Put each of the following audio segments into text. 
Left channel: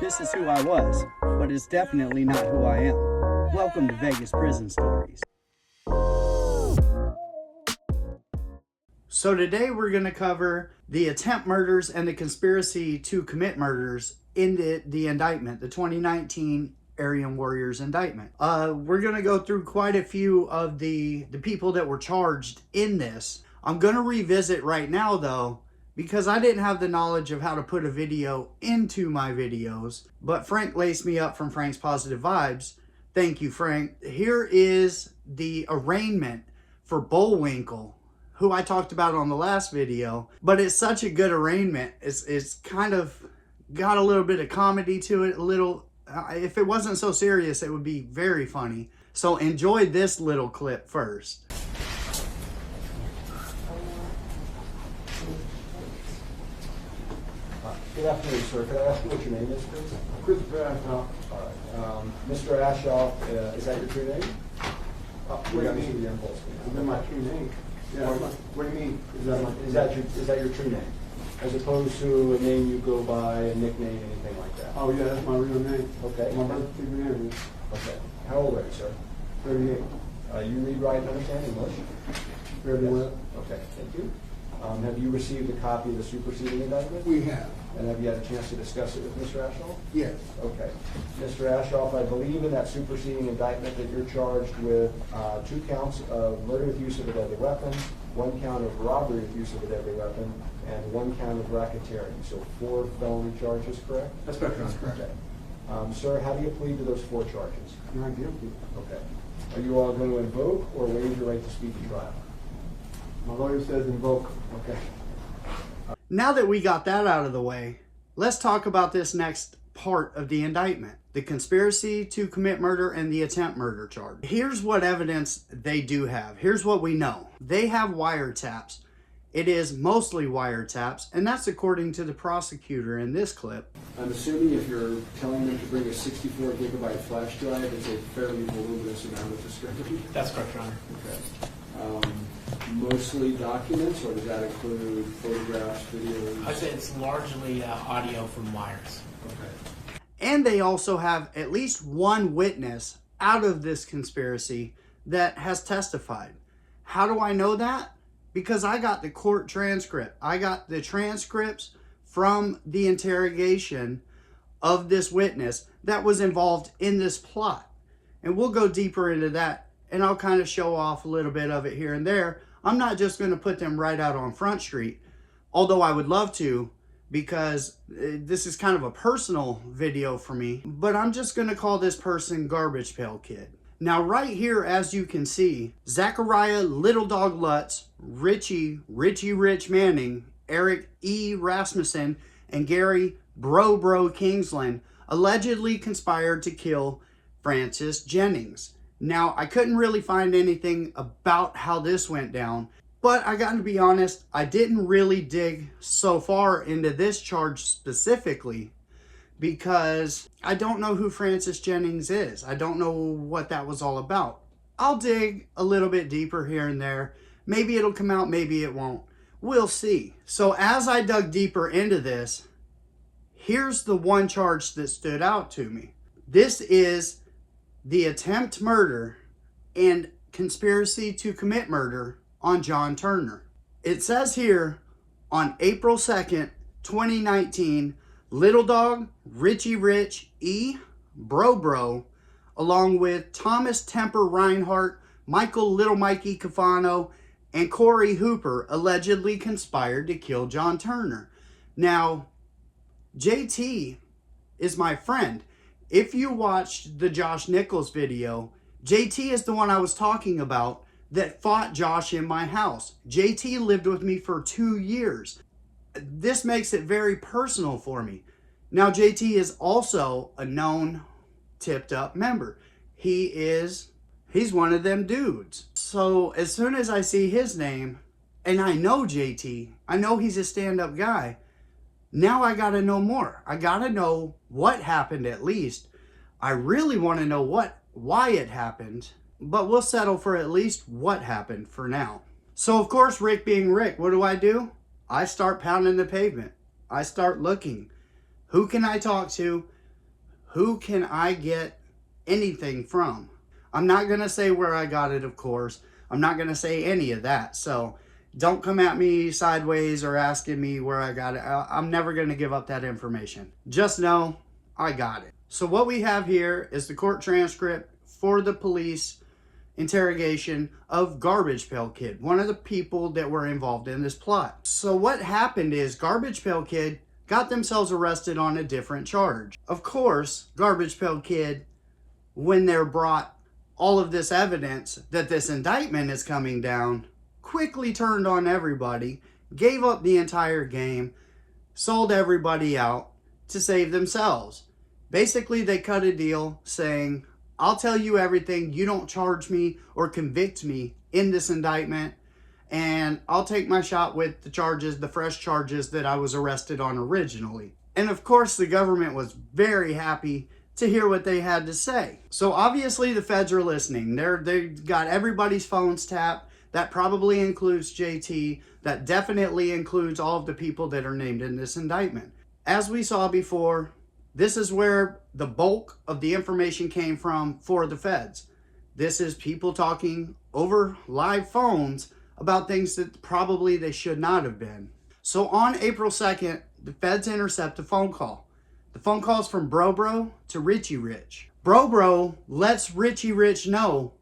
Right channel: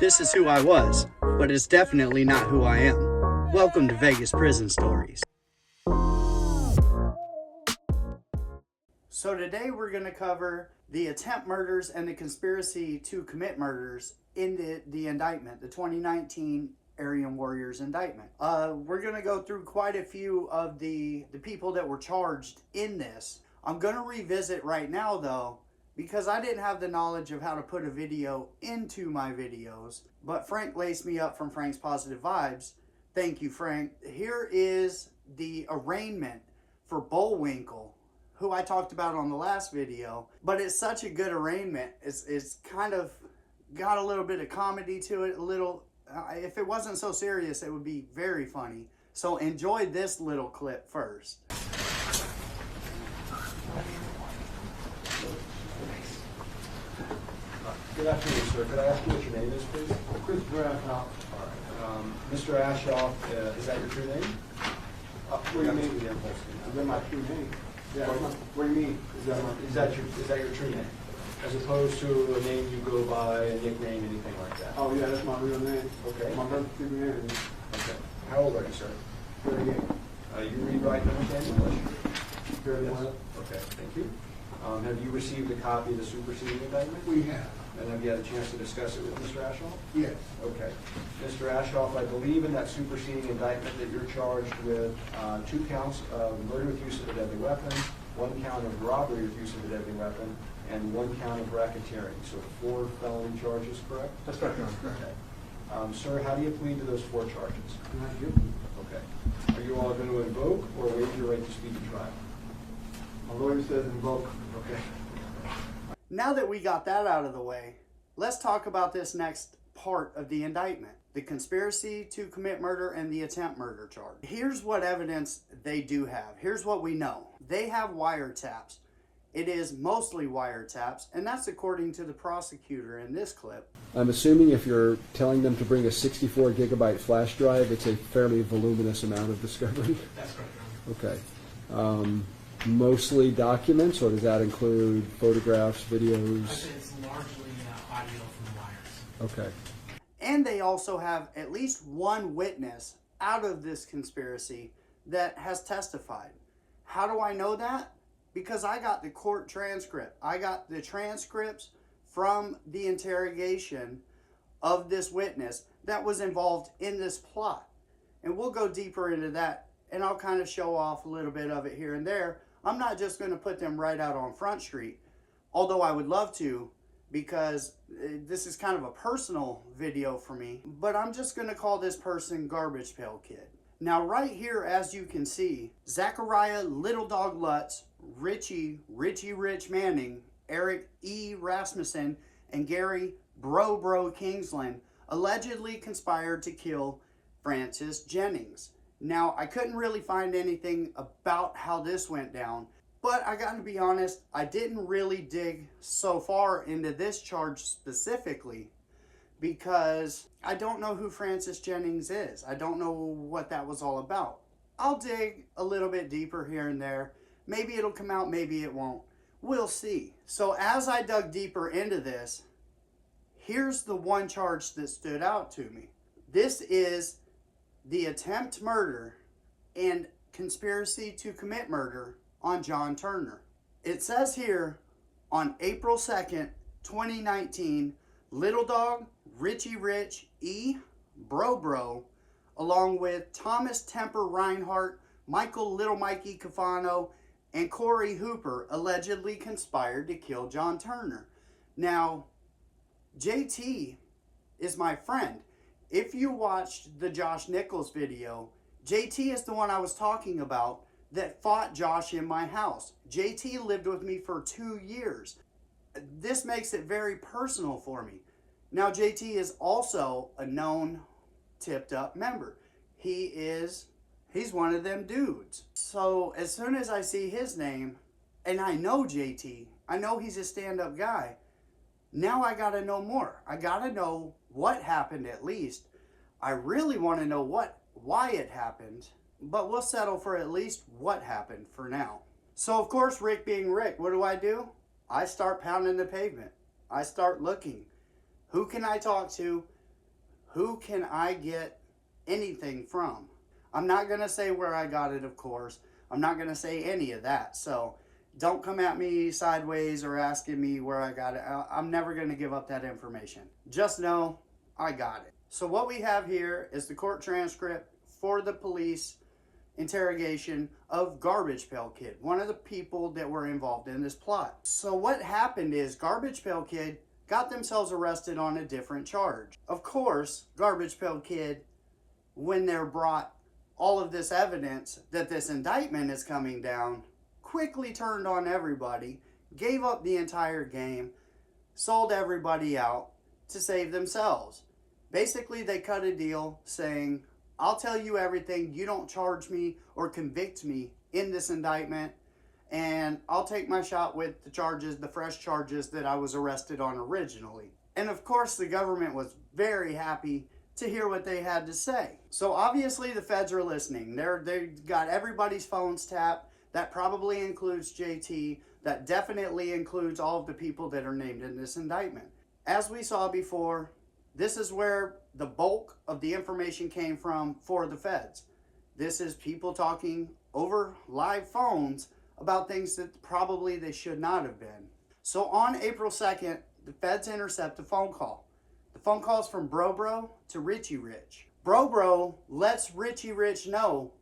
This is who I was, but it's definitely not who I am. Welcome to Vegas Prison Stories. So today we're going to cover the attempt murders and the conspiracy to commit murders in the indictment, the 2019 Aryan Warriors indictment. We're going to go through quite a few of the people that were charged in this. I'm going to revisit right now though, because I didn't have the knowledge of how to put a video into my videos, but Frank laced me up from Frank's Positive Vibes. Thank you, Frank. Here is the arraignment for Bullwinkle, who I talked about on the last video, but it's such a good arraignment. It's kind of got a little bit of comedy to it, a little, if it wasn't so serious, it would be very funny. So enjoy this little clip first. Good afternoon, sir. Could I ask you what your name is, please? Chris Ashoff. All right. Mr. Ashoff, is that your true name? What do you mean? Is that my true name? Yeah. What do you mean? Is that your true name? As opposed to a name you go by, a nickname, anything like that? Oh, yeah, that's my real name. Okay. My birth certificate. Okay. How old are you, sir? 38. You read, write, and understand English? Fairly well. Okay, thank you. Have you received a copy of the superseding indictment? We have. And have you had a chance to discuss it with Mr. Ashoff? Yes. Okay. Mr. Ashoff, I believe in that superseding indictment that you're charged with 2 counts of murder with use of a deadly weapon, 1 count of robbery with use of a deadly weapon, and 1 count of racketeering. So 4 felony charges, correct? That's correct. That's correct. Okay. Sir, how do you plead to those 4 charges? Not guilty. Okay. Are you all going to invoke or waive your right to speak at trial? My lawyer says invoke. Okay. Now that we got that out of the way, let's talk about this next part of the indictment, the conspiracy to commit murder and the attempt murder charge. Here's what evidence they do have. Here's what we know. They have wiretaps. It is mostly wiretaps, and that's according to the prosecutor in this clip. I'm assuming if you're telling them to bring a 64 gigabyte flash drive, it's a fairly voluminous amount of discovery. That's correct, Your Honor. Okay. Mostly documents, or does that include photographs, videos? I'd say it's largely audio from wires. Okay. And they also have at least one witness out of this conspiracy that has testified. How do I know that? Because I got the court transcript. I got the transcripts from the interrogation of this witness that was involved in this plot. And we'll go deeper into that, and I'll kind of show off a little bit of it here and there. I'm not just going to put them right out on Front Street, although I would love to, because this is kind of a personal video for me. But I'm just going to call this person Garbage Pail Kid. Now right here, as you can see, Zachariah Little Dog Lutz, Richie Rich Manning, Eric E. Rasmussen, and Gary Bro Kingsland allegedly conspired to kill Francis Jennings. Now, I couldn't really find anything about how this went down, but I got to be honest, I didn't really dig so far into this charge specifically because I don't know who Francis Jennings is. I don't know what that was all about. I'll dig a little bit deeper here and there. Maybe it'll come out, maybe it won't. We'll see. So as I dug deeper into this, here's the one charge that stood out to me. This is the attempt murder and conspiracy to commit murder on John Turner. It says here, on April 2nd, 2019, Little Dog, Richie Rich, E. Bro, along with Thomas Temper Reinhardt, Michael Little Mikey Cafano, and Corey Hooper allegedly conspired to kill John Turner. Now, JT is my friend. If you watched the Josh Nichols video, JT is the one I was talking about that fought Josh in my house. JT lived with me for 2 years. This makes it very personal for me. Now, JT is also a known tipped up member. He's one of them dudes. So as soon as I see his name, and I know JT, I know he's a stand-up guy, now I gotta know more. I gotta know what happened at least. I really want to know why it happened, but we'll settle for at least what happened for now. So of course, Rick being Rick, what do? I start pounding the pavement. I start looking. Who can I talk to? who can I get anything from? I'm not going to say where I got it, of course. I'm not going to say any of that. So don't come at me sideways or asking me where I got it. I'm never going to give up that information. Just know I got it. So what we have here is the court transcript for the police interrogation of Garbage Pail Kid, one of the people that were involved in this plot. So what happened is Garbage Pail Kid got themselves arrested on a different charge. Of course, Garbage Pail Kid, when they're brought all of this evidence that this indictment is coming down, quickly turned on everybody, gave up the entire game, sold everybody out to save themselves. Basically, they cut a deal saying, I'll tell you everything, you don't charge me or convict me in this indictment, and I'll take my shot with the charges, the fresh charges that I was arrested on originally. And of course, the government was very happy to hear what they had to say. So obviously the feds are listening. They got everybody's phones tapped. That probably includes JT. That definitely includes all of the people that are named in this indictment. As we saw before, this is where the bulk of the information came from for the feds. This is people talking over live phones about things that probably they should not have been. So on April 2nd, the feds intercept a phone call. The phone call is from Bro to Richie Rich. Bro lets Richie Rich know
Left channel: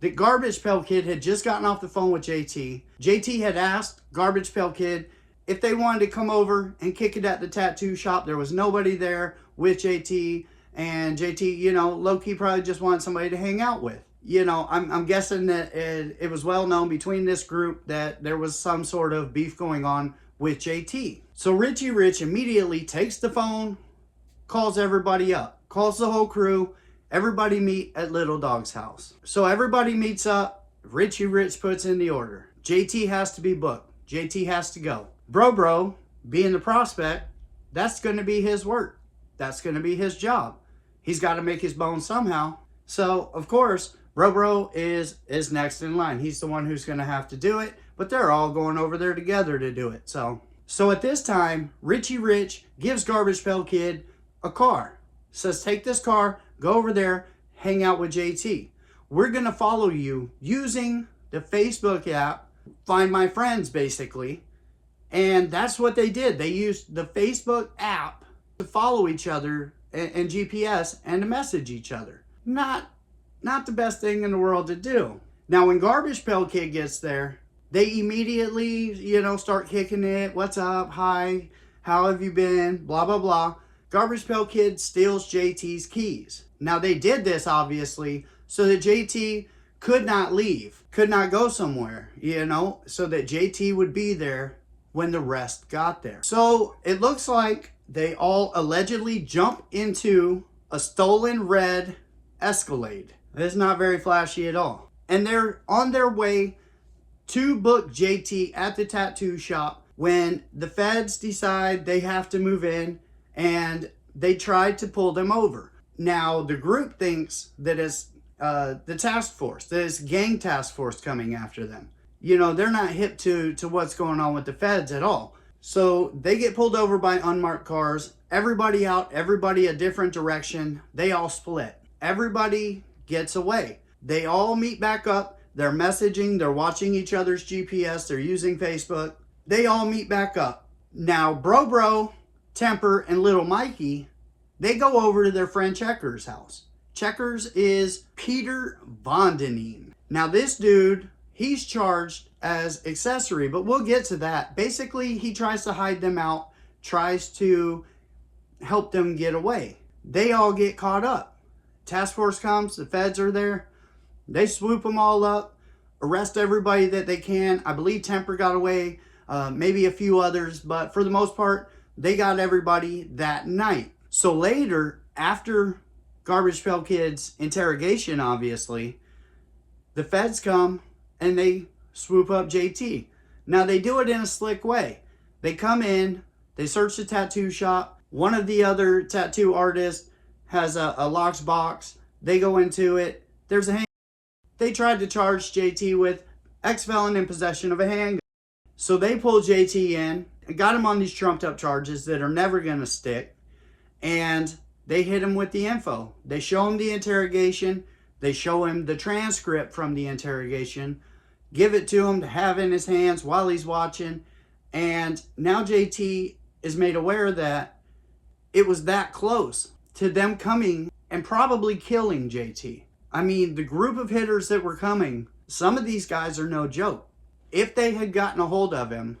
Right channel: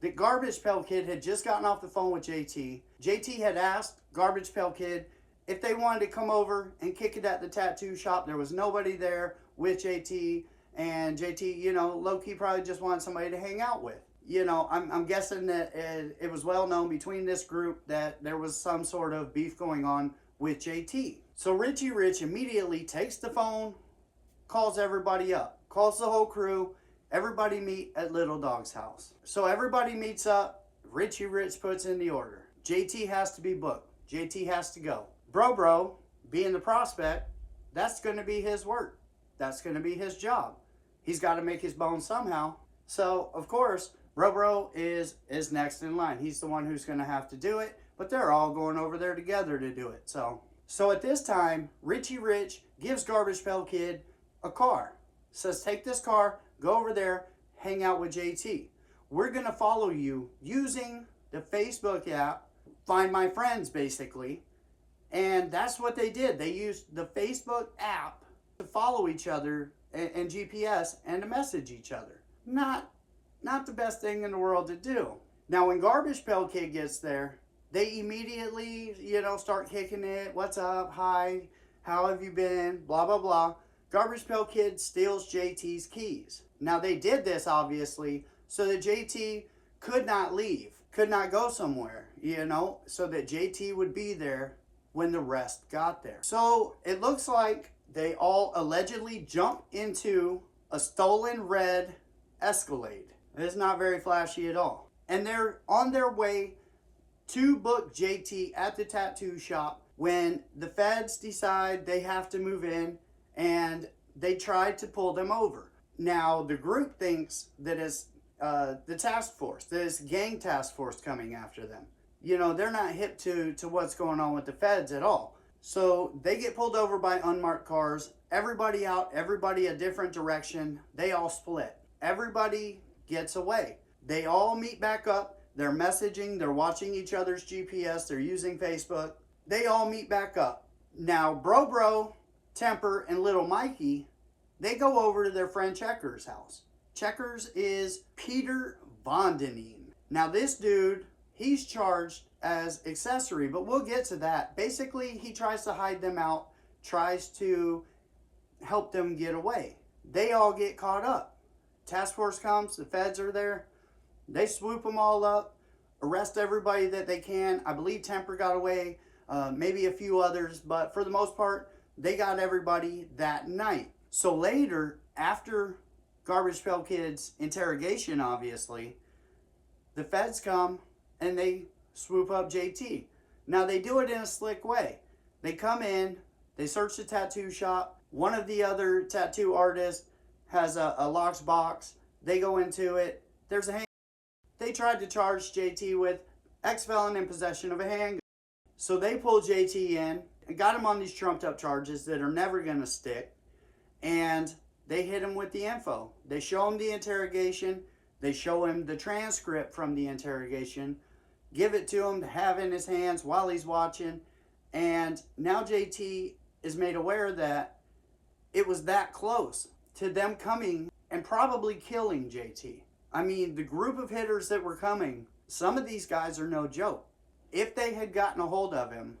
that Garbage Pail Kid had just gotten off the phone with JT. JT had asked Garbage Pail Kid if they wanted to come over and kick it at the tattoo shop. There was nobody there with JT, and JT, you know, low-key probably just wanted somebody to hang out with. You know, I'm guessing that it was well known between this group that there was some sort of beef going on with JT. So Richie Rich immediately takes the phone, calls everybody up, calls the whole crew, everybody meet at Little Dog's house. So everybody meets up, Richie Rich puts in the order. JT has to be booked. JT has to go. Bro, being the prospect, that's going to be his work. That's going to be his job. He's got to make his bones somehow. So, of course, Bro is next in line. He's the one who's going to have to do it, but they're all going over there together to do it. So at this time, Richie Rich gives Garbage Pail Kid a car. Says, take this car, go over there, hang out with JT. We're going to follow you using the Facebook app, Find My Friends, basically. And that's what they did. They used the Facebook app to follow each other and GPS and to message each other. Not the best thing in the world to do. Now, when Garbage Pail Kid gets there, they immediately, you know, start kicking it. What's up? Hi. How have you been? Blah, blah, blah. Garbage Pail Kid steals JT's keys. Now, they did this, obviously, so that JT could not leave, could not go somewhere, you know, so that JT would be there when the rest got there. So it looks like they all allegedly jump into a stolen red Escalade. It's not very flashy at all. And they're on their way to book JT at the tattoo shop when the feds decide they have to move in and they try to pull them over. Now, the group thinks that it's the task force, that it's gang task force coming after them. You know, they're not hip to what's going on with the feds at all. So they get pulled over by unmarked cars. Everybody out, everybody a different direction. They all split. Everybody gets away. They all meet back up. They're messaging. They're watching each other's GPS. They're using Facebook. They all meet back up. Now, Bro, Temper, and Little Mikey, they go over to their friend Checker's house. Checkers is Peter Vondenine. Now, this dude, he's charged as accessory, but we'll get to that. Basically, he tries to hide them out, tries to help them get away. They all get caught up. Task force comes, the feds are there. They swoop them all up, arrest everybody that they can. I believe Temper got away, maybe a few others, but for the most part, they got everybody that night. So later, after Garbage Pail Kid's interrogation, obviously, the feds come and they swoop up JT. Now, they do it in a slick way. They come in, they search the tattoo shop. One of the other tattoo artists has a locked box. They go into it. There's a handgun. They tried to charge JT with ex-felon in possession of a handgun. So they pulled JT in and got him on these trumped up charges that are never going to stick. And they hit him with the info. They show him the interrogation. They show him the transcript from the interrogation, give it to him to have in his hands while he's watching. And now JT is made aware that it was that close to them coming and probably killing JT. I mean, the group of hitters that were coming, some of these guys are no joke. If they had gotten a hold of him,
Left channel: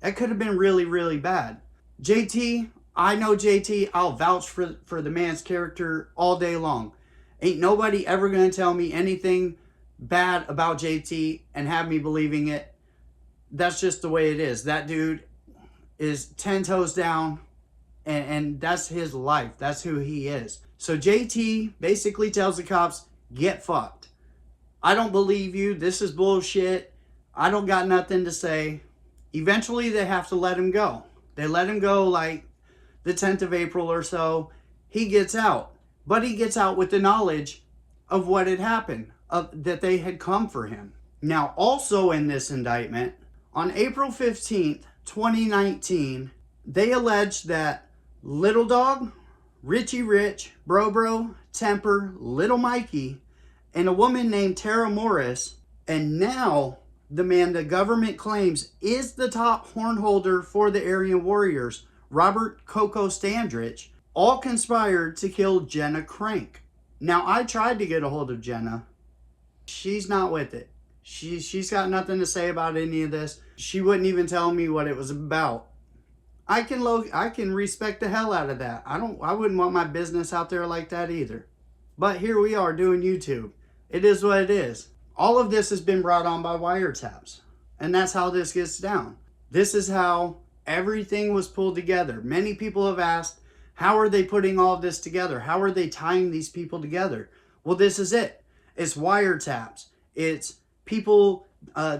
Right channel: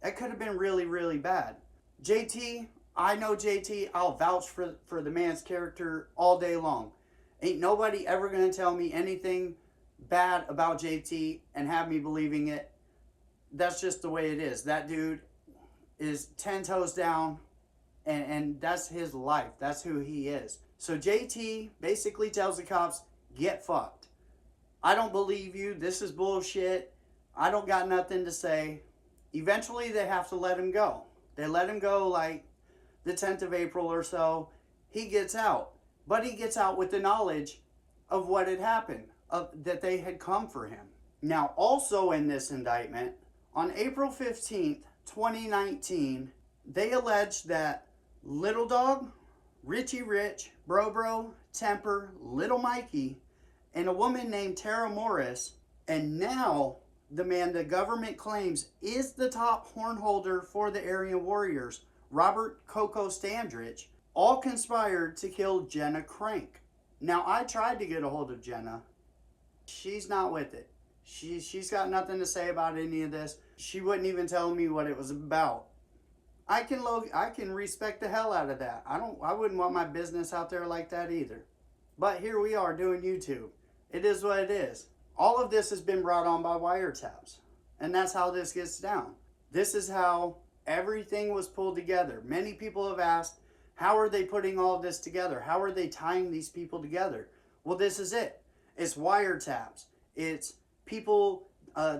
that could have been really, really bad. JT, I know JT, I'll vouch for the man's character all day long. Ain't nobody ever going to tell me anything bad about JT and have me believing it. That's just the way it is. That dude is 10 toes down, and that's his life. That's who he is. So JT basically tells the cops, get fucked. I don't believe you. This is bullshit. I don't got nothing to say. Eventually, they have to let him go. They let him go like the 10th of April or so. He gets out. But he gets out with the knowledge of what had happened, that they had come for him. Now, also in this indictment, on April 15th, 2019, they alleged that Little Dog, Richie Rich, Bro, Temper, Little Mikey, and a woman named Tara Morris, and now the man the government claims is the top horn holder for the Aryan Warriors, Robert Coco Standridge, all conspired to kill Jenna Crank. Now, I tried to get a hold of Jenna. She's not with it. She's got nothing to say about any of this. She wouldn't even tell me what it was about. I can respect the hell out of that. I wouldn't want my business out there like that either. But here we are doing YouTube. It is what it is. All of this has been brought on by wiretaps. And that's how this gets down. This is how everything was pulled together. Many people have asked, how are they putting all of this together? How are they tying these people together? Well, this is it. It's wiretaps. It's people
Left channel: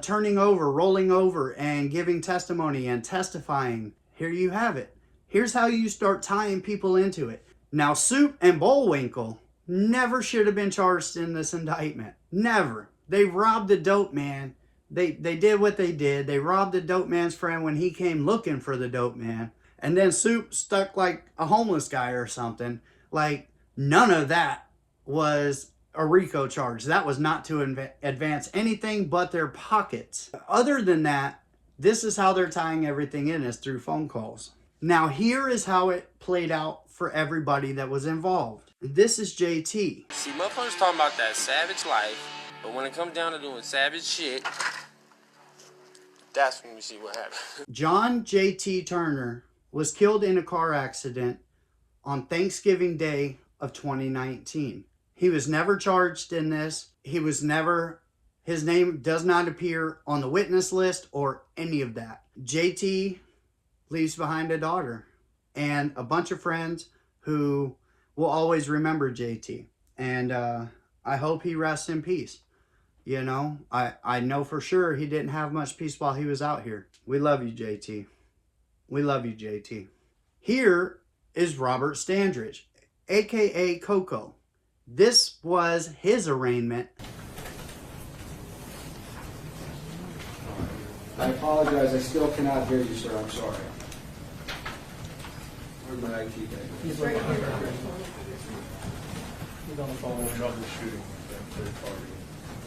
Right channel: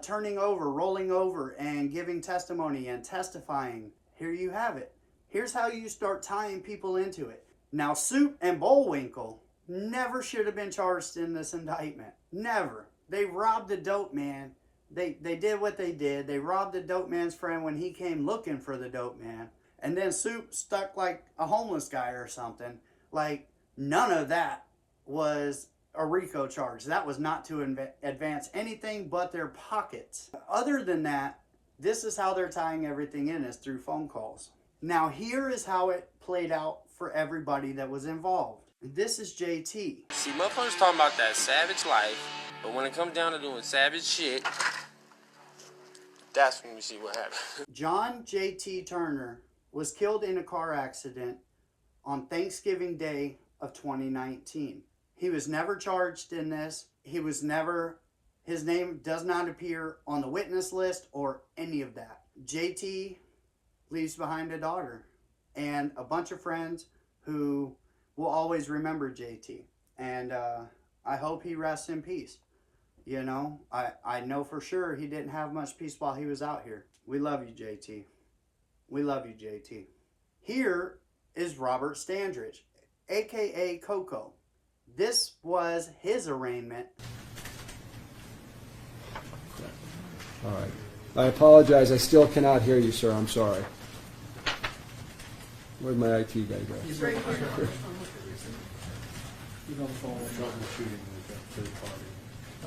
turning over, rolling over, and giving testimony and testifying. Here you have it. Here's how you start tying people into it. Now, Soup and Bullwinkle never should have been charged in this indictment. Never. They robbed the dope man. They did what they did. They robbed the dope man's friend when he came looking for the dope man. And then Soup stuck like a homeless guy or something. Like, none of that was a RICO charge. That was not to advance anything but their pockets. Other than that, this is how they're tying everything in, is through phone calls. Now, here is how it played out for everybody that was involved. This is JT. See, motherfuckers talking about that savage life, but when it comes down to doing savage shit, that's when we see what happens. John JT Turner was killed in a car accident on Thanksgiving Day of 2019. He was never charged in this. His name does not appear on the witness list or any of that. JT leaves behind a daughter and a bunch of friends who will always remember JT. And I hope he rests in peace. You know, I know for sure he didn't have much peace while he was out here. We love you, JT. We love you, JT. Here is Robert Standridge, a.k.a. Coco. This was his arraignment. All right. I apologize. I still cannot hear you, sir. I'm sorry. Where'd my IT guy go?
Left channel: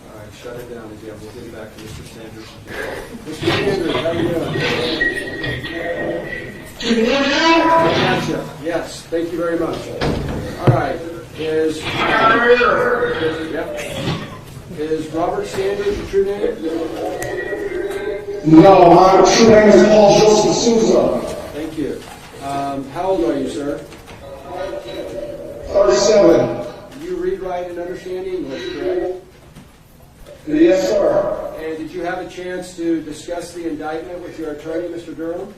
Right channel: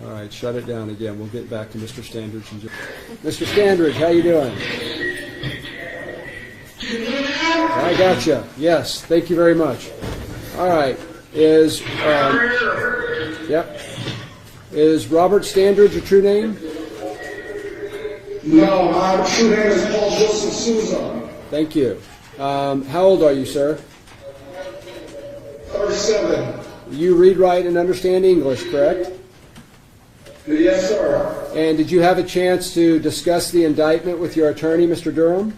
All right, shut it down again. We'll get back to Mr. Standridge. Mr. Standridge, how you doing? I gotcha. Yes, thank you very much. All right, is Robert Standridge your true name? No, my true name is Paul Joseph Souza. Thank you. How old are you, sir? 37. You read, write, and understand English, correct? Yes, sir. And did you have a chance to discuss the indictment with your attorney, Mr. Durham?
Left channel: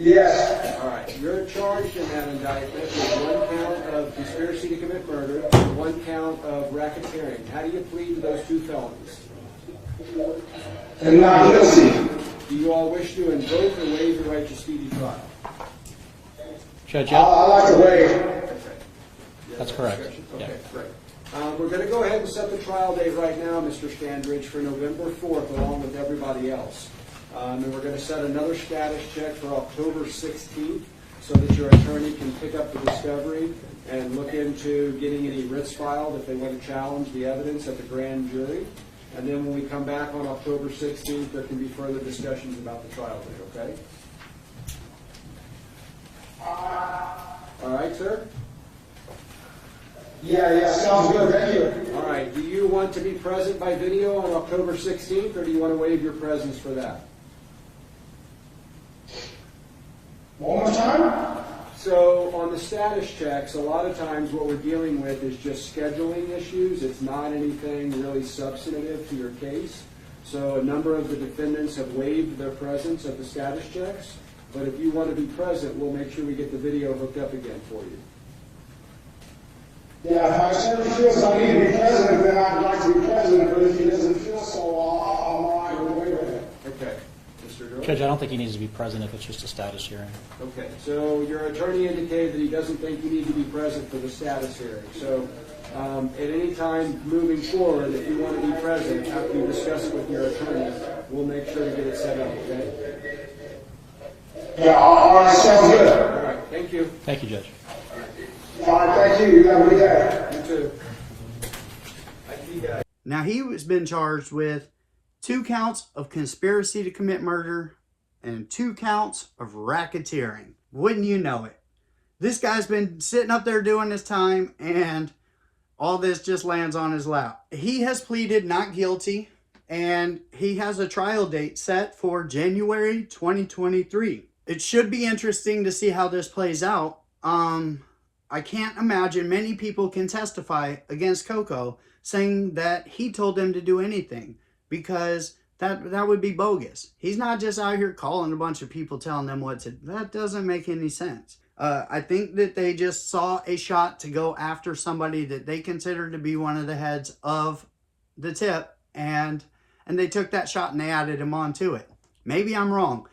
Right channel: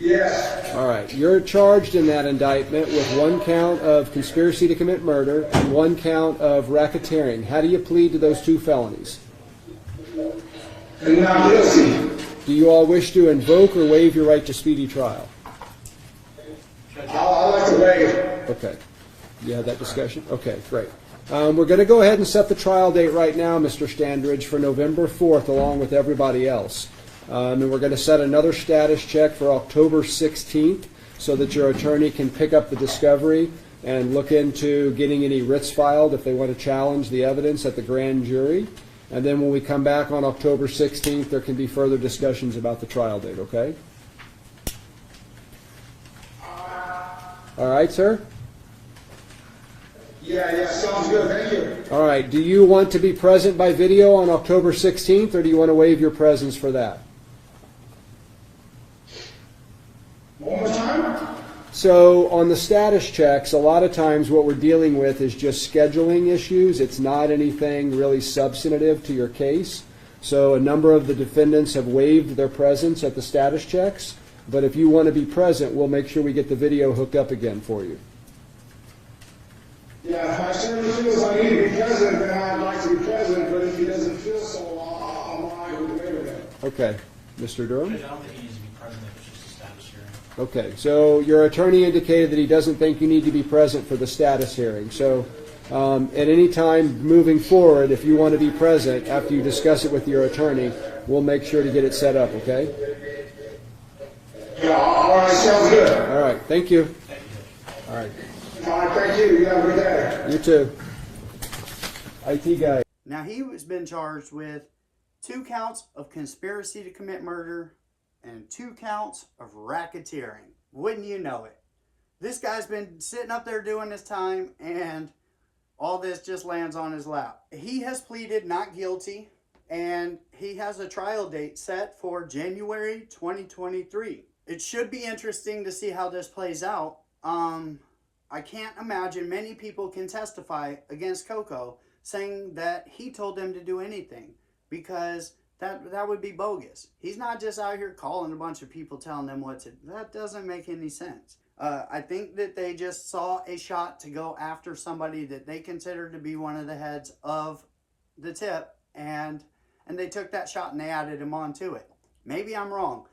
Yes. All right. You're charged in that indictment with one count of conspiracy to commit murder and one count of racketeering. How do you plead to those two felonies? And not guilty. Do you all wish to invoke or waive your right to speedy trial? I'd like to waive. Okay. Yeah, that discussion? Okay, great. We're going to go ahead and set the trial date right now, Mr. Standridge, for November 4th, along with everybody else. And we're going to set another status check for October 16th. so that your attorney can pick up the discovery and look into getting any writs filed if they want to challenge the evidence at the grand jury. And then when we come back on October 16th, there can be further discussions about the trial date, okay? All right, sir? Yeah, sounds good, thank you. All right, do you want to be present by video on October 16th, or do you want to waive your presence for that? One more time? So on the status checks, a lot of times what we're dealing with is just scheduling issues. It's not anything really substantive to your case. So a number of the defendants have waived their presence at the status checks. But if you want to be present, we'll make sure we get the video hooked up again for you. Yeah, if my son feels I need to be president, then I'd like to be president, but if he doesn't feel so, I'm all right with waiving it. Okay. Mr. Durham? Judge, I don't think he needs to be present if it's just a status hearing. Okay, so your attorney indicated that he doesn't think you need to be present for the status hearing. So at any time moving forward, if you want to be present after you discuss it with your attorney, we'll make sure to get it set up, okay? Yeah, all right, sounds good. All right, thank you. Thank you, Judge. All right, All right, thank you. You have a good day. you too. IT guy. Now, he has been charged with 2 counts of conspiracy to commit murder and 2 counts of racketeering. Wouldn't you know it? This guy's been sitting up there doing his time, and all this just lands on his lap. He has pleaded not guilty, and he has a trial date set for January 2023. It should be interesting to see how this plays out. I can't imagine many people can testify against Coco saying that he told them to do anything, because that would be bogus. He's not just out here calling a bunch of people telling them what to do. That doesn't make any sense. I think that they just saw a shot to go after somebody that they considered to be one of the heads of the tip, and they took that shot and they added him onto it. Maybe I'm wrong.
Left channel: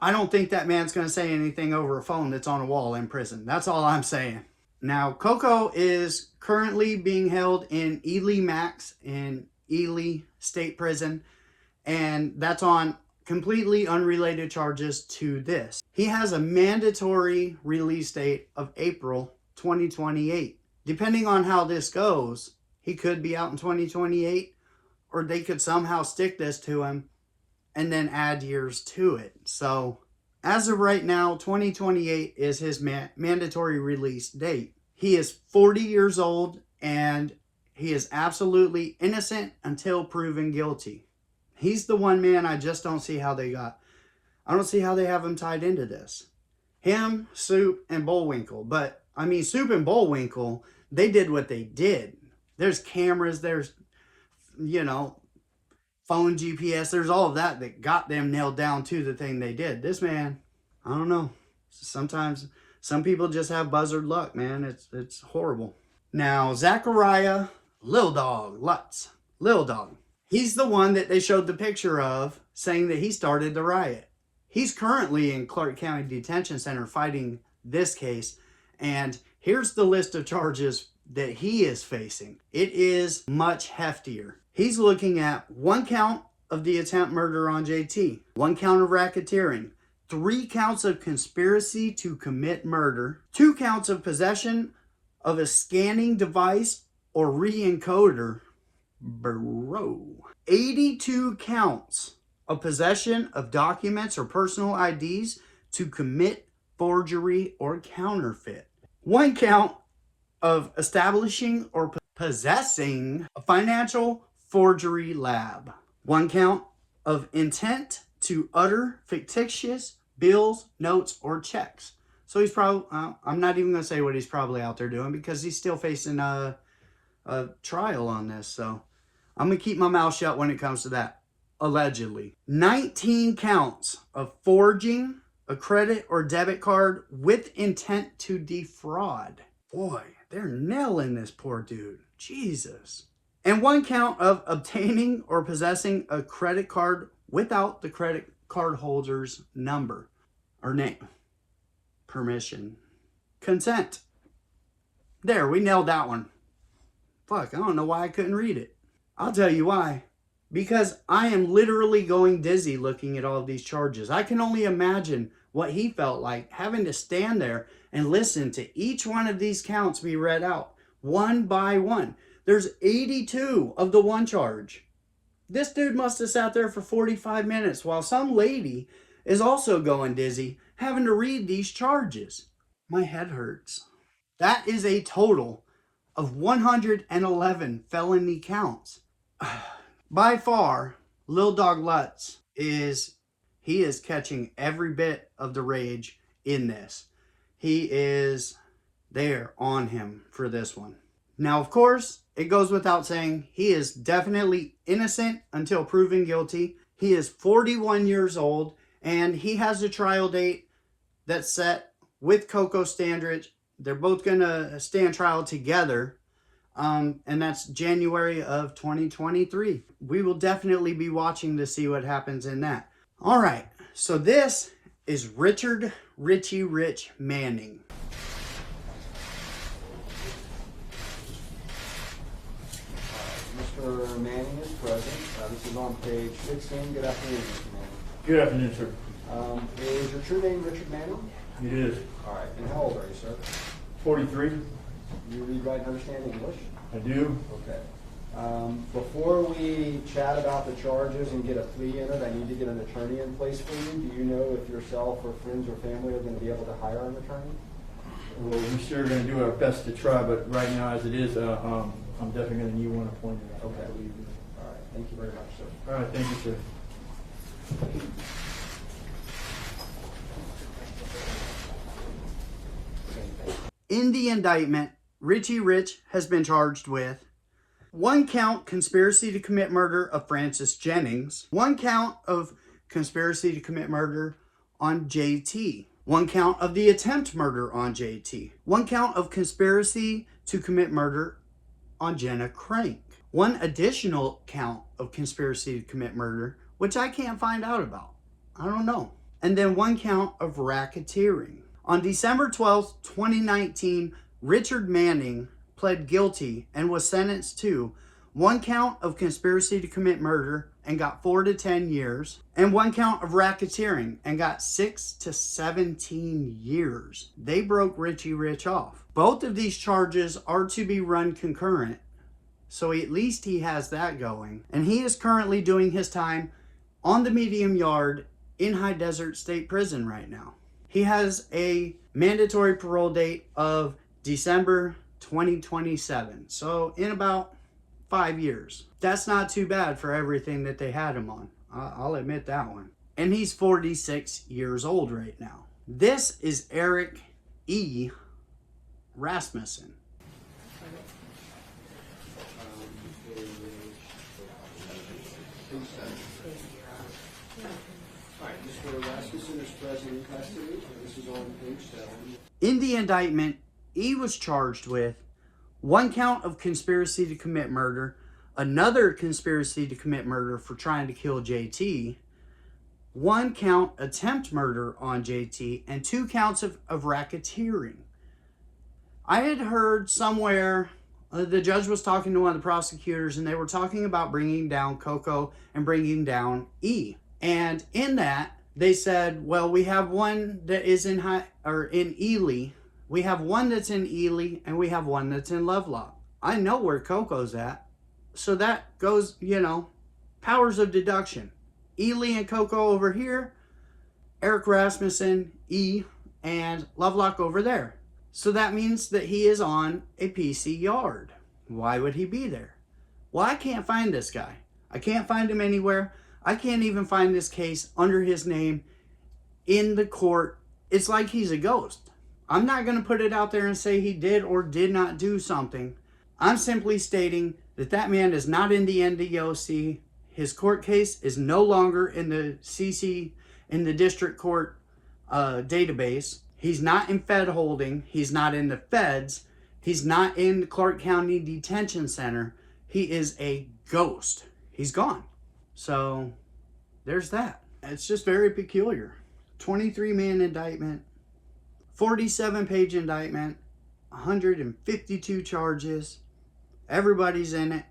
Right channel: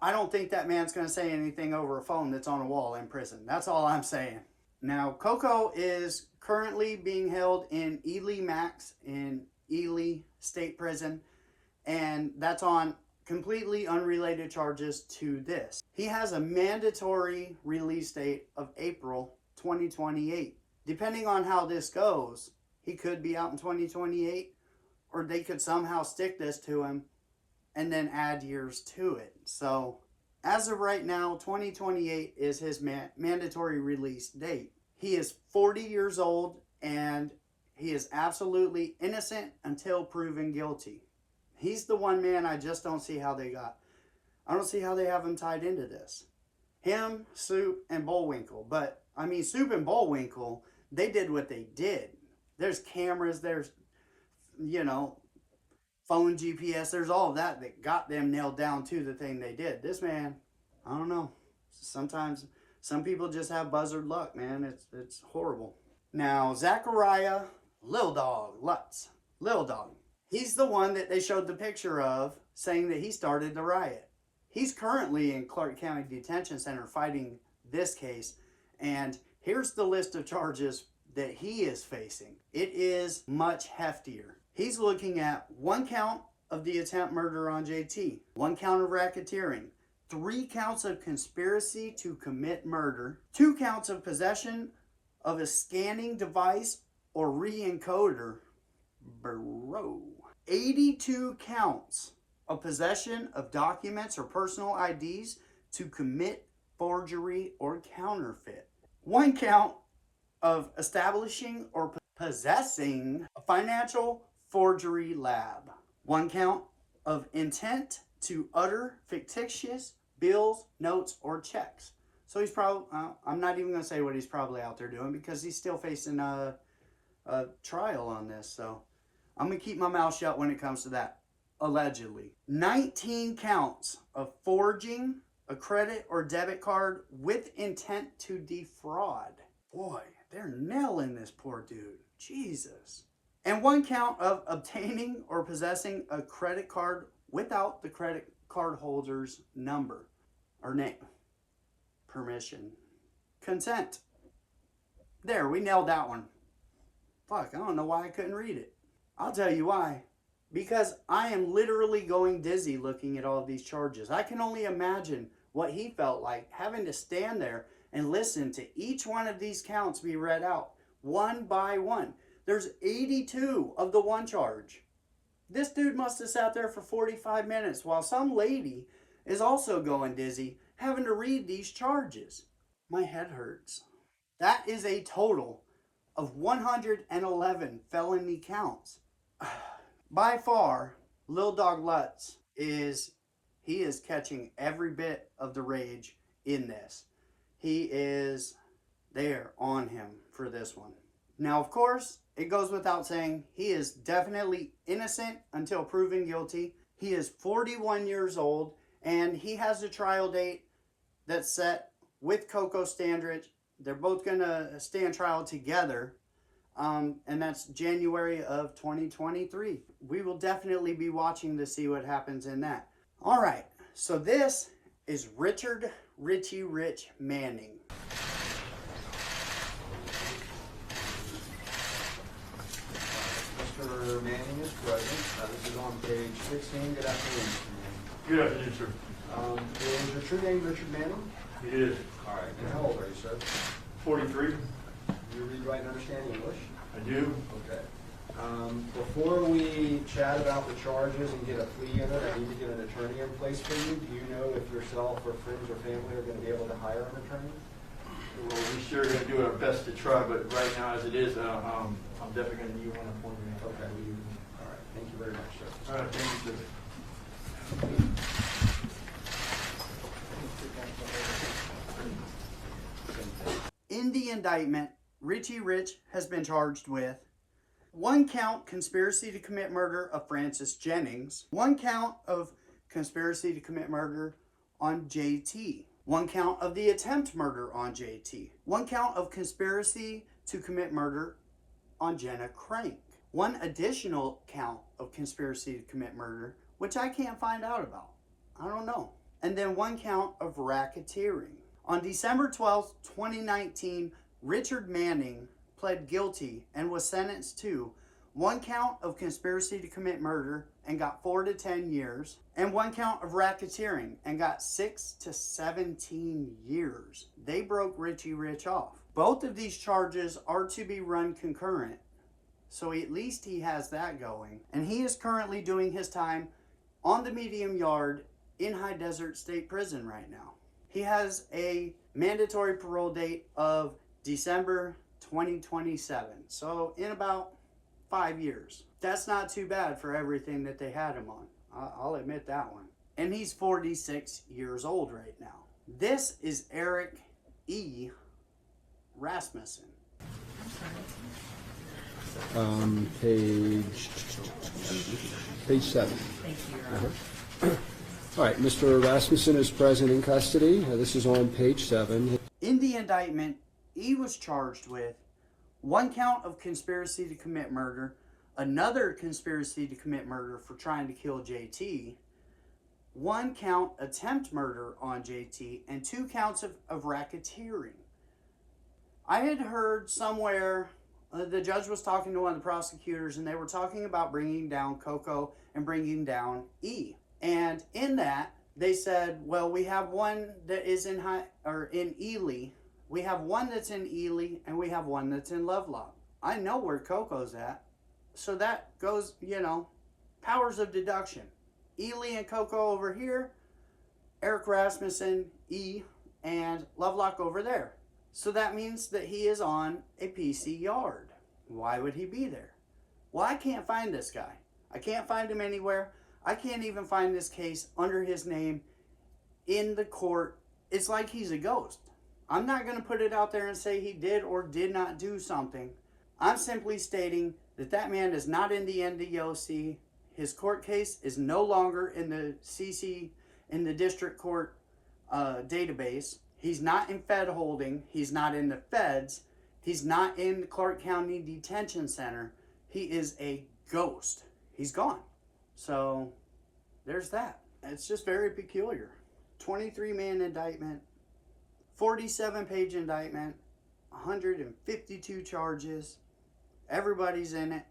I don't think that man's going to say anything over a phone that's on a wall in prison. That's all I'm saying. Now, Coco is currently being held in Ely Max in Ely State Prison, and that's on completely unrelated charges to this. He has a mandatory release date of April 2028. Depending on how this goes, he could be out in 2028, or they could somehow stick this to him and then add years to it. So as of right now, 2028 is his mandatory release date. He is 40 years old, and he is absolutely innocent until proven guilty. He's the one man I just don't see how I don't see how they have him tied into this. Him, Soup, and Bullwinkle. But, I mean, Soup and Bullwinkle, they did what they did. There's cameras, there's, phone GPS, there's all of that got them nailed down to the thing they did. This man, I don't know. Sometimes some people just have buzzard luck, man. It's horrible. Now, Zachariah Lil Dog Lutz. Lil Dog. He's the one that they showed the picture of saying that he started the riot. He's currently in Clark County Detention Center fighting this case. And here's the list of charges that he is facing. It is much heftier. He's looking at 1 count of the attempt murder on JT, 1 count of racketeering, 3 counts of conspiracy to commit murder, 2 counts of possession of a scanning device or re-encoder, 82 counts of possession of documents or personal IDs to commit forgery or counterfeit, 1 count of establishing or possessing a financial forgery lab, 1 count of intent to utter fictitious bills, notes, or checks. So he's probably, I'm not even going to say what he's probably out there doing, because he's still facing a trial on this. So I'm going to keep my mouth shut when it comes to that. Allegedly. 19 counts of forging a credit or debit card with intent to defraud. Boy, they're nailing this poor dude. Jesus. And 1 count of obtaining or possessing a credit card without the credit card holder's number or name, permission, consent. There, we nailed that one. Fuck, I don't know why I couldn't read it. I'll tell you why. Because I am literally going dizzy looking at all of these charges. I can only imagine what he felt like having to stand there and listen to each one of these counts be read out one by one. There's 82 of the one charge. This dude must have sat there for 45 minutes while some lady is also going dizzy having to read these charges. My head hurts. That is a total of 111 felony counts. By far, Lil Dog Lutz is catching every bit of the rage in this. He is there on him for this one. Now, of course, it goes without saying, he is definitely innocent until proven guilty. He is 41 years old, and he has a trial date that's set with Coco Standridge. They're both going to stand trial together, and that's January of 2023. We will definitely be watching to see what happens in that. All right, so this is Richard Richie Rich Manning. Mr. Manning is present. This is on page 16. Good afternoon, Mr. Manning. Good afternoon, sir. Is your true name Richard Manning? It is. All right. And how old are you, sir? 43. You read, write, and understand English? I do. Okay. Before we chat about the charges and get a plea in it, I need to get an attorney in place for you. Do you know if yourself or friends or family are going to be able to hire an attorney? Well, we're sure going to do our best to try, but right now, as it is, I'm definitely going to need one appointed. Okay. All right. Thank you very much, sir. All right, thank you, sir. In the indictment, Richie Rich has been charged with 1 count conspiracy to commit murder of Francis Jennings, 1 count of conspiracy to commit murder on JT, 1 count of the attempt murder on JT, 1 count of conspiracy to commit murder on Jenna Crank, 1 additional count of conspiracy to commit murder, which I can't find out about. I don't know. And then 1 count of racketeering. On December 12th, 2019, Richard Manning pled guilty and was sentenced to 1 count of conspiracy to commit murder and got 4 to 10 years, and 1 count of racketeering and got 6 to 17 years. They broke Richie Rich off. Both of these charges are to be run concurrent, so at least he has that going. And he is currently doing his time on the medium yard in High Desert State Prison right now. He has a mandatory parole date of December 2027. So in about 5 years. That's not too bad for everything that they had him on. I'll admit that one. And he's 46 years old right now. This is Eric E. Rasmussen. Page 7. All right, Mr. Rasmussen is present in custody. This is on page 7. In the indictment, E was charged with 1 count of conspiracy to commit murder, another conspiracy to commit murder for trying to kill JT, 1 count attempt murder on JT, and 2 counts of racketeering. I had heard somewhere the judge was talking to one of the prosecutors, and they were talking about bringing down Coco and bringing down E. And in that, they said, well, we have one that is in Ely. We have one that's in Ely, and we have one that's in Lovelock. I know where Coco's at. So that goes, powers of deduction. Ely and Coco over here, Eric Rasmussen, E, and Lovelock over there. So that means that he is on a PC yard. Why would he be there? Well, I can't find this guy. I can't find him anywhere. I can't even find this case under his name in the court. It's like he's a ghost. I'm not going to put it out there and say he did or did not do something. I'm simply stating that that man is not in the NDOC. His court case is no longer in the in the district court database. He's not in Fed holding. He's not in the feds. He's not in the Clark County Detention Center. He is a ghost. He's gone. So there's that. It's just very peculiar. 23-man indictment, 47-page indictment, 152 charges. Everybody's in it.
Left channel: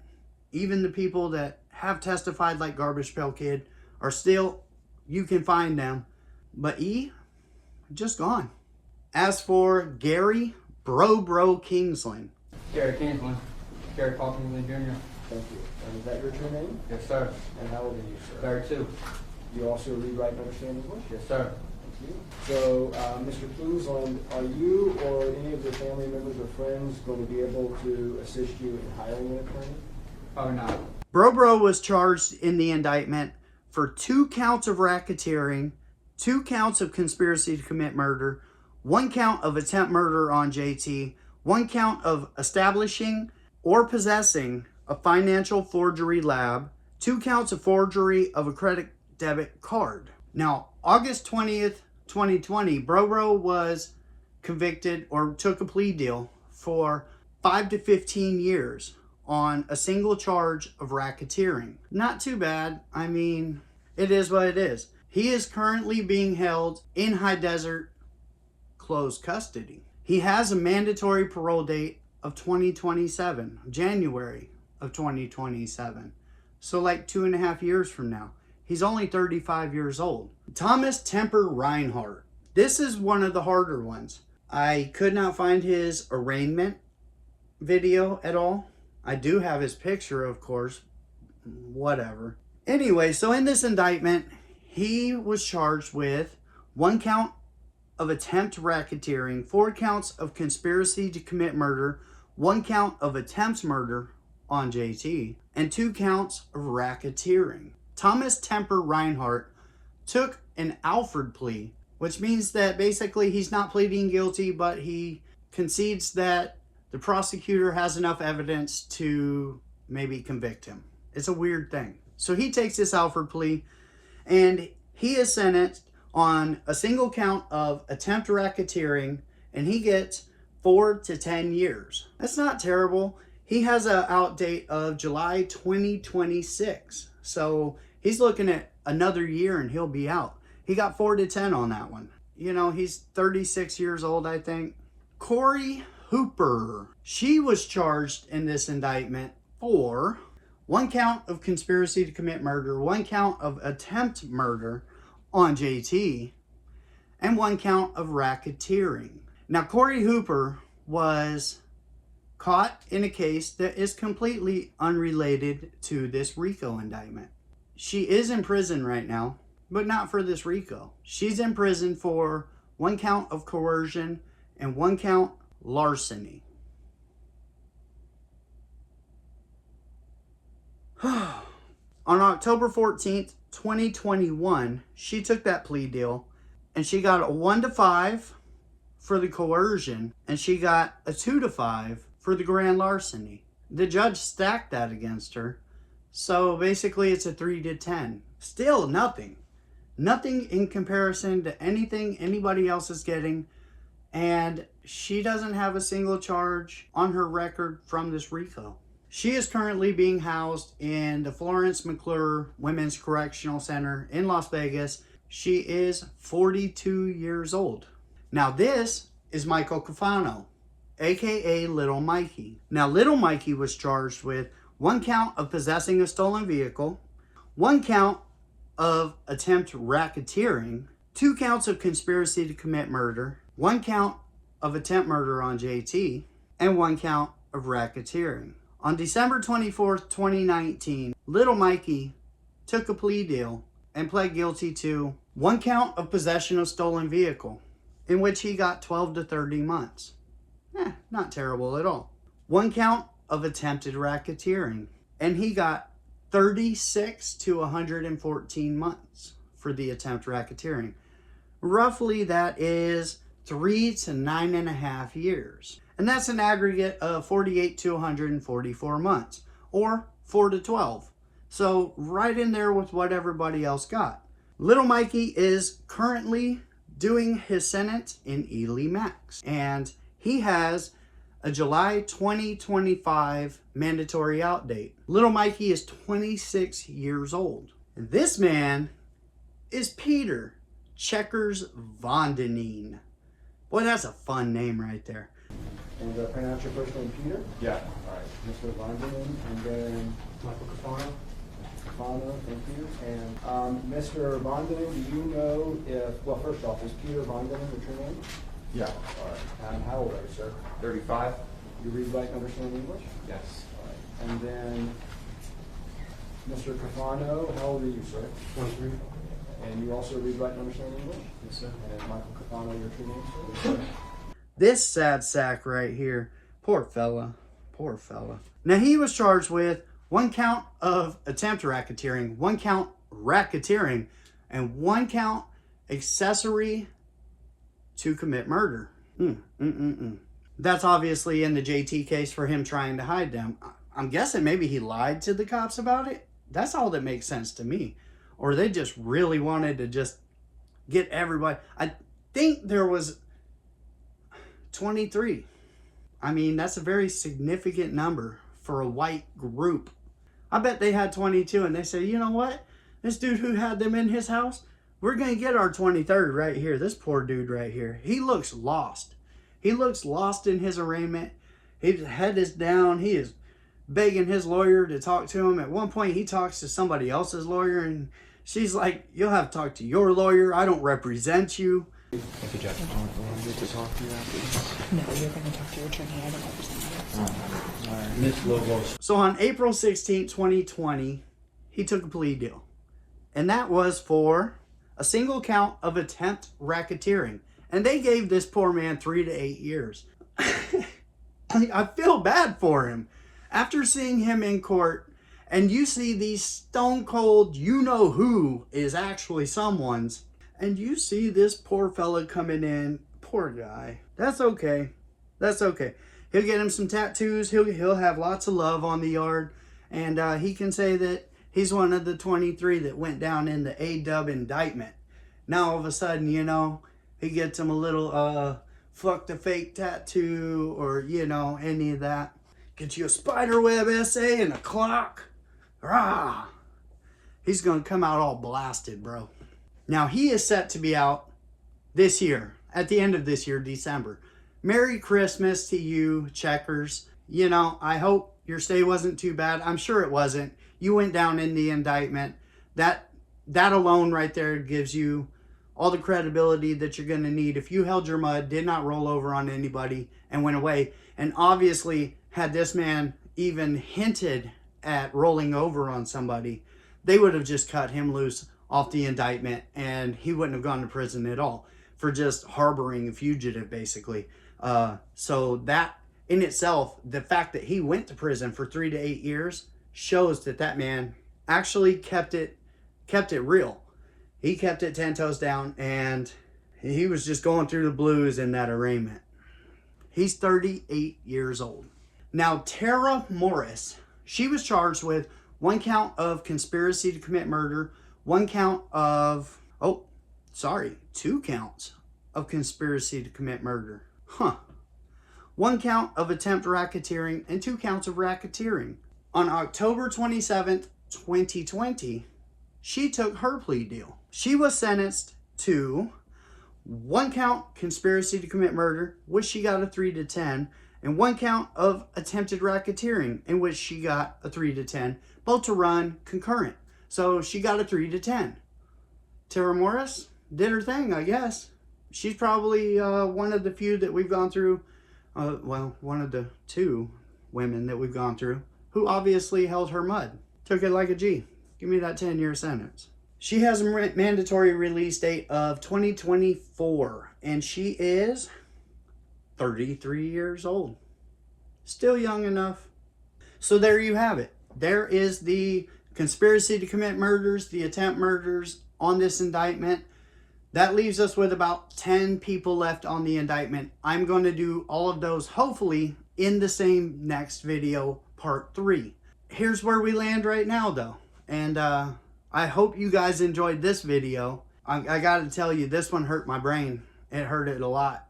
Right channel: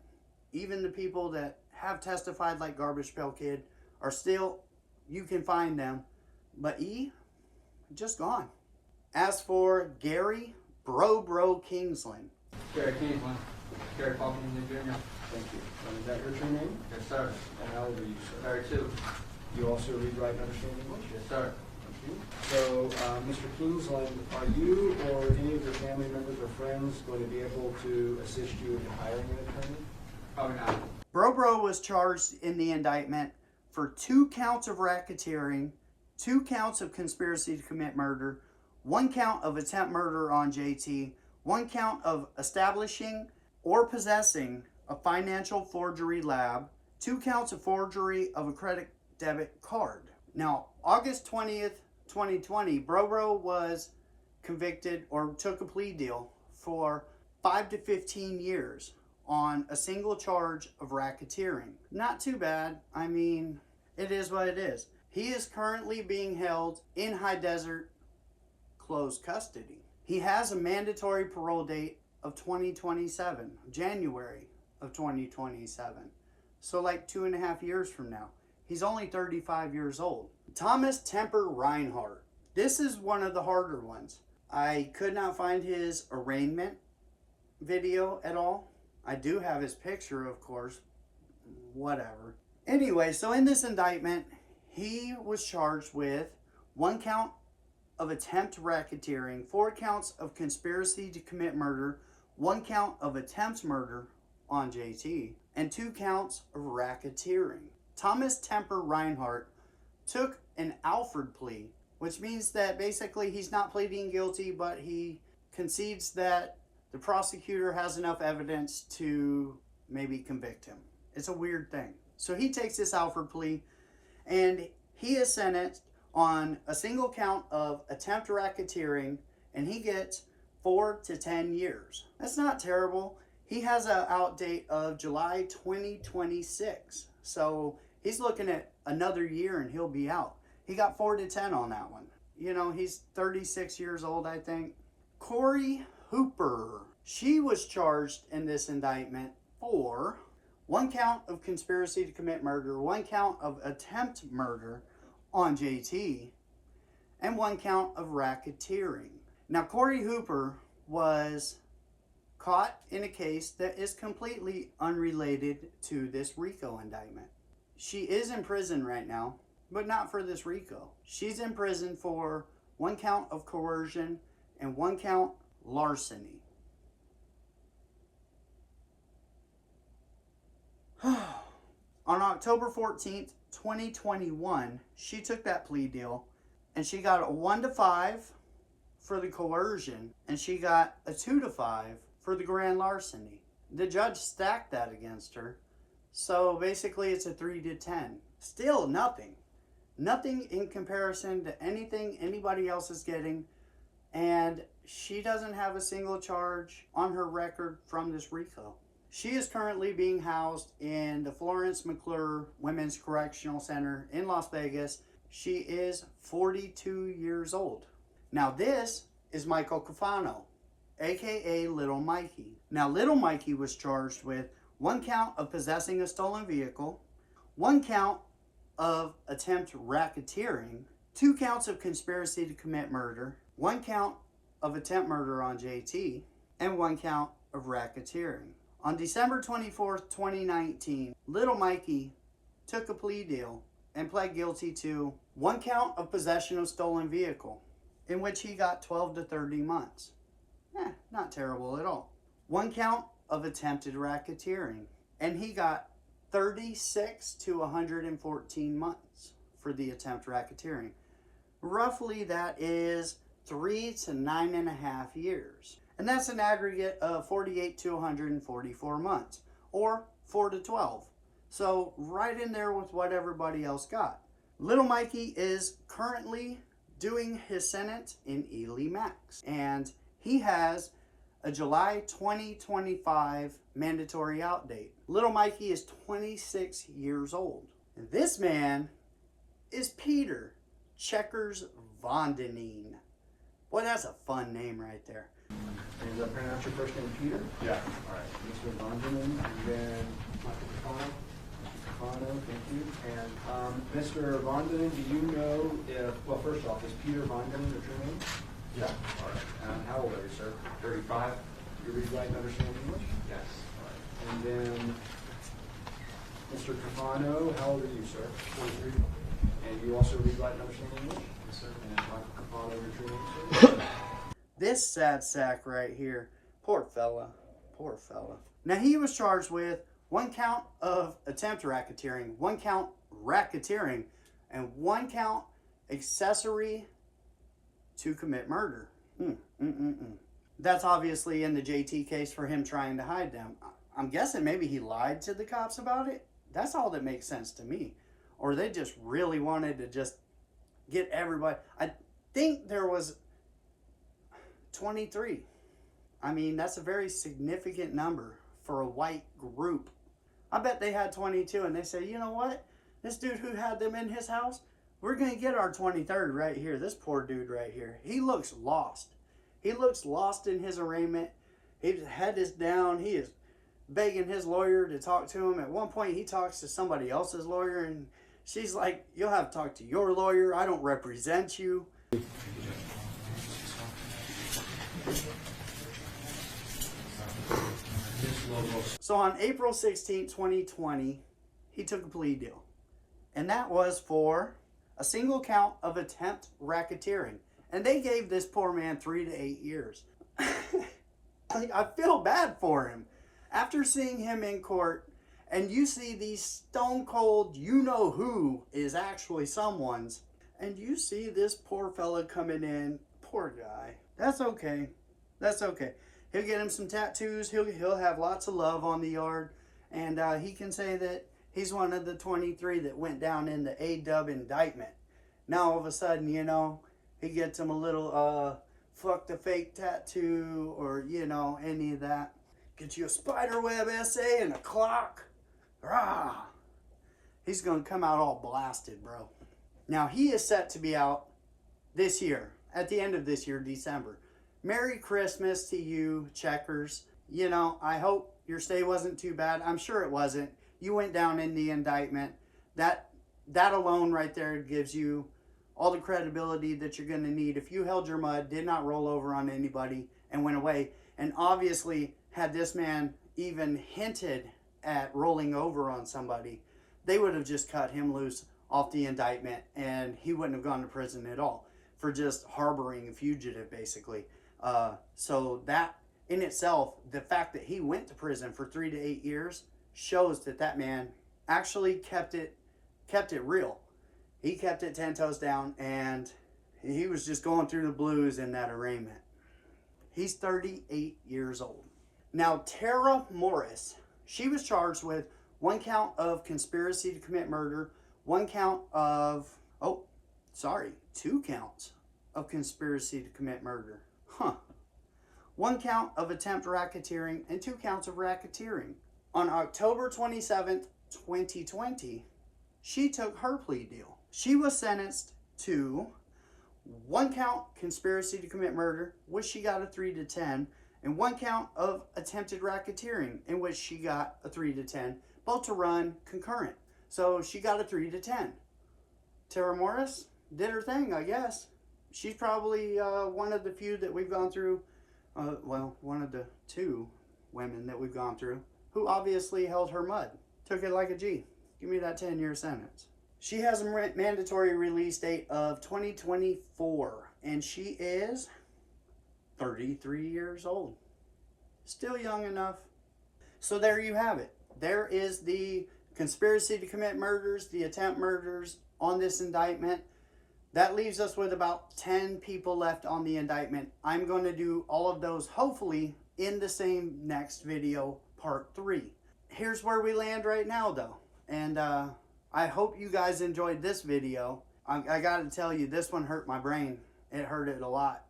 Even the people that have testified like Garbage Pail Kid are still, you can find them. But E, just gone. As for Gary Bro Kingsland, Gary Kingsland, Gary Kingsland Jr. Thank you. Is that your true name? Yes, sir. And how old are you, sir? 32. You also read, write, and understand English? Yes, sir. Thank you. So, Mr. Kingsland, are you or any of your family members or friends going to be able to assist you in hiring an attorney? Oh, no. Bro was charged in the indictment for 2 counts of racketeering, 2 counts of conspiracy to commit murder, 1 count of attempt murder on JT, 1 count of establishing or possessing a financial forgery lab, 2 counts of forgery of a credit debit card. Now, August 20th, 2020, Bro was convicted or took a plea deal for 5 to 15 years on a single charge of racketeering. Not too bad. I mean, it is what it is. He is currently being held in High Desert closed custody. He has a mandatory parole date of 2027, January of 2027. So like 2.5 years from now. He's only 35 years old. Thomas Temper Reinhardt. This is one of the harder ones. I could not find his arraignment video at all. I do have his picture, of course. Whatever. Anyway, so in this indictment, he was charged with 1 count of attempt racketeering, 4 counts of conspiracy to commit murder, 1 count of attempt murder on JT, and 2 counts of racketeering. Thomas Temper Reinhardt took an Alford plea, which means that basically he's not pleading guilty, but he concedes that the prosecutor has enough evidence to maybe convict him. It's a weird thing. So he takes this Alford plea, and he is sentenced on a single count of attempt racketeering, and he gets 4 to 10 years. That's not terrible. He has an out date of July 2026. So he's looking at another year and he'll be out. He got 4 to 10 on that one. You know, he's 36 years old, I think. Corey Hooper. She was charged in this indictment for 1 count of conspiracy to commit murder, 1 count of attempt murder on JT, and 1 count of racketeering. Now, Corey Hooper was caught in a case that is completely unrelated to this RICO indictment. She is in prison right now, but not for this RICO. She's in prison for 1 count of coercion and 1 count larceny. On October 14th, 2021, she took that plea deal and she got a 1 to 5 for the coercion and she got a 2 to 5 for the grand larceny. The judge stacked that against her. So basically it's a 3 to 10. Still nothing. Nothing in comparison to anything anybody else is getting. And she doesn't have a single charge on her record from this RICO. She is currently being housed in the Florence McClure Women's Correctional Center in Las Vegas. She is 42 years old. Now this is Michael Cafano, aka Little Mikey. Now Little Mikey was charged with 1 count of possessing a stolen vehicle, 1 count of attempt racketeering, 2 counts of conspiracy to commit murder, 1 count of attempt murder on JT, and 1 count of racketeering. On December 24th, 2019, Little Mikey took a plea deal and pled guilty to 1 count of possession of stolen vehicle, in which he got 12 to 30 months. Not terrible at all. 1 count of attempted racketeering, and he got 36 to 114 months for the attempt racketeering. Roughly that is 3 to 9.5 years. And that's an aggregate of 48 to 144 months, or 4 to 12. So right in there with what everybody else got. Little Mikey is currently doing his sentence in Ely Max, and he has a July 2025 mandatory out date. Little Mikey is 26 years old. And this man is Peter Checkers Vondeneen. Boy, that's a fun name right there. And did I pronounce your first name Peter? Yeah. All right, Mr. Vonderman, and then Michael Cafano. Cafano, thank you. And Mr. Vondenen, do you know if, well, first off, is Peter Vondenen your true name? Yeah. All right. And how old are you, sir? 35? You read, write, and understand English? Yes. All right. And then, Mr. Cafano, how old are you, sir? 23. And you also read, write, and understand English? Yes, sir. And Michael Cafano, your true name, sir? This sad sack right here, poor fella, poor fella. Now he was charged with 1 count of attempt racketeering, 1 count racketeering, and 1 count accessory to commit murder. That's obviously in the JT case for him trying to hide them. I'm guessing maybe he lied to the cops about it. That's all that makes sense to me. Or they just really wanted to just get everybody. I think there was 23. I mean, that's a very significant number for a white group. I bet they had 22 and they said, you know what? This dude who had them in his house, we're going to get our 23rd right here. This poor dude right here. He looks lost. He looks lost in his arraignment. His head is down. He is begging his lawyer to talk to him. At one point, he talks to somebody else's lawyer and she's like, you'll have to talk to your lawyer. I don't represent you. Thank you, Jeff. Get to talk to you after. No, you're going to talk to your attorney. I don't represent you. All right. Miss Lobos. So on April 16, 2020, he took a plea deal. And that was for a single count of attempt racketeering. And they gave this poor man 3 to 8 years. I feel bad for him. After seeing him in court, and you see these stone cold, you know who is actually someone's, and you see this poor fella coming in, poor guy. That's okay. That's okay. He'll get him some tattoos. He'll have lots of love on the yard. And he can say that he's one of the 23 that went down in the AW Indictment. Now all of a sudden, you know, he gets him a little fuck the fake tattoo or, you know, any of that. Get you a spiderweb essay and a clock. Rah! He's going to come out all blasted, bro. Now, he is set to be out this year, at the end of this year, December. Merry Christmas to you, Checkers. You know, I hope your stay wasn't too bad. I'm sure it wasn't. You went down in the indictment. That alone right there gives you all the credibility that you're going to need. If you held your mud, did not roll over on anybody, and went away, and obviously had this man even hinted at rolling over on somebody, they would have just cut him loose off the indictment and he wouldn't have gone to prison at all for just harboring a fugitive, basically. So that in itself, the fact that he went to prison for 3 to 8 years shows that that man actually kept it real. He kept it 10 toes down, and he was just going through the blues in that arraignment. He's 38 years old. Now, Tara Morris, she was charged with 1 count of conspiracy to commit murder, 1 count of, 2 counts of conspiracy to commit murder. 1 count of attempt racketeering and 2 counts of racketeering. On October 27th, 2020, she took her plea deal. She was sentenced to 1 count conspiracy to commit murder, which she got a 3 to 10, and 1 count of attempted racketeering, in which she got a 3 to 10, both to run concurrent. So she got a 3 to 10. Tara Morris did her thing, I guess. She's probably one of the few that we've gone through, one of the 2 women that we've gone through, who obviously held her mud. Took it like a G. Give me that 10-year sentence. She has a mandatory release date of 2024, and she is 33 years old. Still young enough. So there you have it. There is the conspiracy to commit murders, the attempt murders on this indictment. That leaves us with about 10 people left on the indictment. I'm going to do all of those, hopefully, in the same next video, part 3. Here's where we land right now, though. And I hope you guys enjoyed this video. I got to tell you, this one hurt my brain. It hurt it a lot.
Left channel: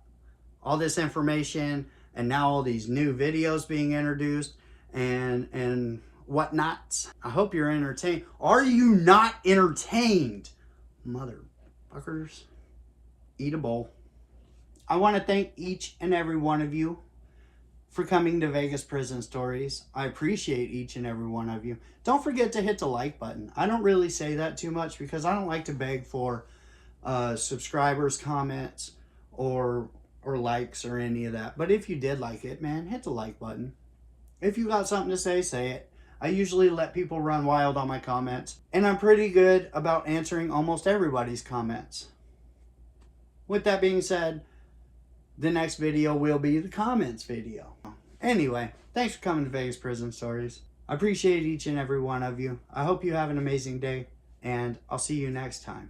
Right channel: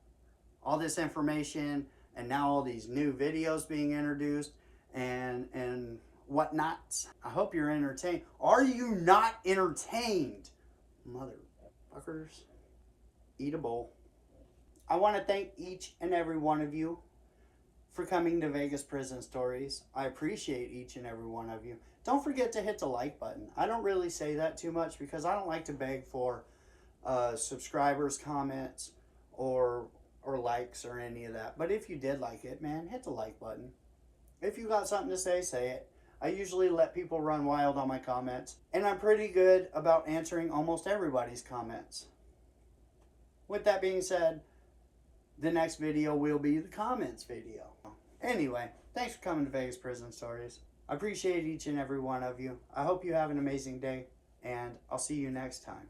All this information, and now all these new videos being introduced, and whatnot. I hope you're entertained. Are you not entertained? Motherfuckers. Eat a bowl. I want to thank each and every one of you for coming to Vegas Prison Stories. I appreciate each and every one of you. Don't forget to hit the like button. I don't really say that too much because I don't like to beg for subscribers, comments, or likes or any of that. But if you did like it, man, hit the like button. If you got something to say it. I usually let people run wild on my comments, and I'm pretty good about answering almost everybody's comments. With that being said, the next video will be the comments video. Anyway, thanks for coming to Vegas Prison Stories. I appreciate each and every one of you. I hope you have an amazing day, and I'll see you next time.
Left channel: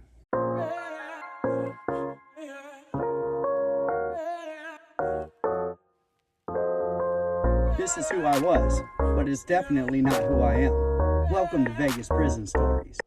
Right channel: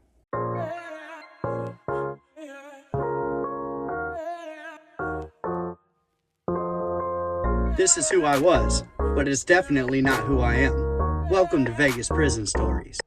This is who I was, but it's definitely not who I am. Welcome to Vegas Prison Stories.